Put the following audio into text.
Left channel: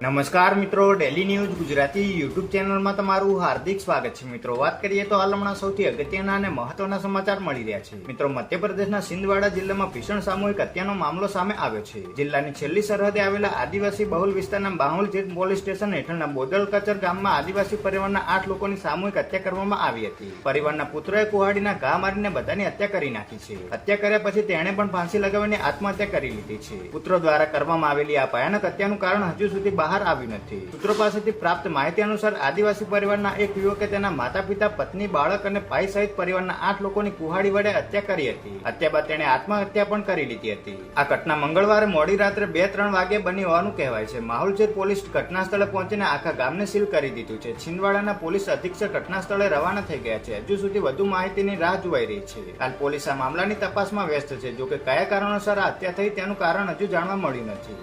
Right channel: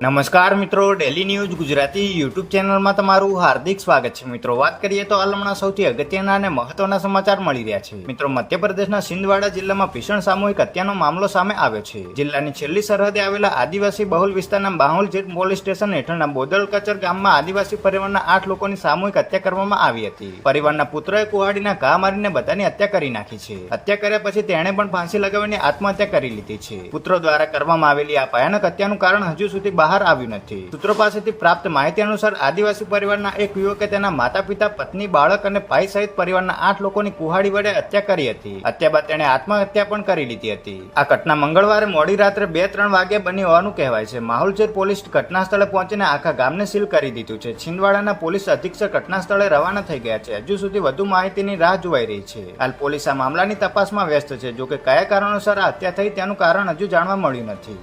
નમસ્કાર મિત્રો, daily news Gujarati YouTube ચેનલમાં તમારું હાર્દિક સ્વાગત છે. મિત્રો, વાત કરીએ તો હાલ હમણાં સૌથી અગત્યના અને મહત્વના સમાચાર મળી રહ્યા છે. મિત્રો, મધ્યપ્રદેશના સિંધવાડા જિલ્લામાં ભીષણ સામૂહિક હત્યાનો મામલો સામે આવ્યો છે. જિલ્લાની છેલ્લી સરહદે આવેલા આદિવાસી બહુલ વિસ્તારના બાહુલ જેટ પોલીસ સ્ટેશન હેઠળના બોદલ કચર ગામમાં આદિવાસી પરિવારના 8 લોકોની સામૂહિક હત્યા કરવામાં આવી હતી. પરિવારના પુત્રએ કુહાડીના ઘા મારીને બધાની હત્યા કરી નાખી છે. હત્યા કર્યા પછી તેણે પણ ફાંસી લગાવીને આત્મહત્યા કરી લીધી છે. પુત્રો દ્વારા કરવામાં આવેલી આ ભયાનક હત્યાનું કારણ હજુ સુધી બહાર આવ્યું નથી. સૂત્રો પાસેથી પ્રાપ્ત માહિતી અનુસાર આદિવાસી પરિવારના એક યુવકે તેના માતા પિતા, પત્ની, બાળક અને ભાઈ સહિત પરિવારના 8 લોકોની કુહાડી વડે હત્યા કરી હતી. હત્યા બાદ તેણે આત્મહત્યા પણ કરી લીધી હતી. આ ઘટના મંગળવારે મોડી રાત્રે 2-3 વાગ્યે બની હોવાનું કહેવાય છે. માહોલચેર પોલીસ ઘટના સ્થળે પહોંચીને આખા ગામને સીલ કરી દીધું છે. છિંદવાડાના પોલીસ અધિક્ષક ઘટના સ્થળે રવાના થઈ ગયા છે. હજુ સુધી વધુ માહિતીની રાહ જોવાઈ રહી છે. હાલ પોલીસ આ મામલાની તપાસમાં વ્યસ્ત છે. જોકે કયા કારણોસર આ હત્યા થઈ તેનું કારણ હજુ જાણવા મળ્યું નથી.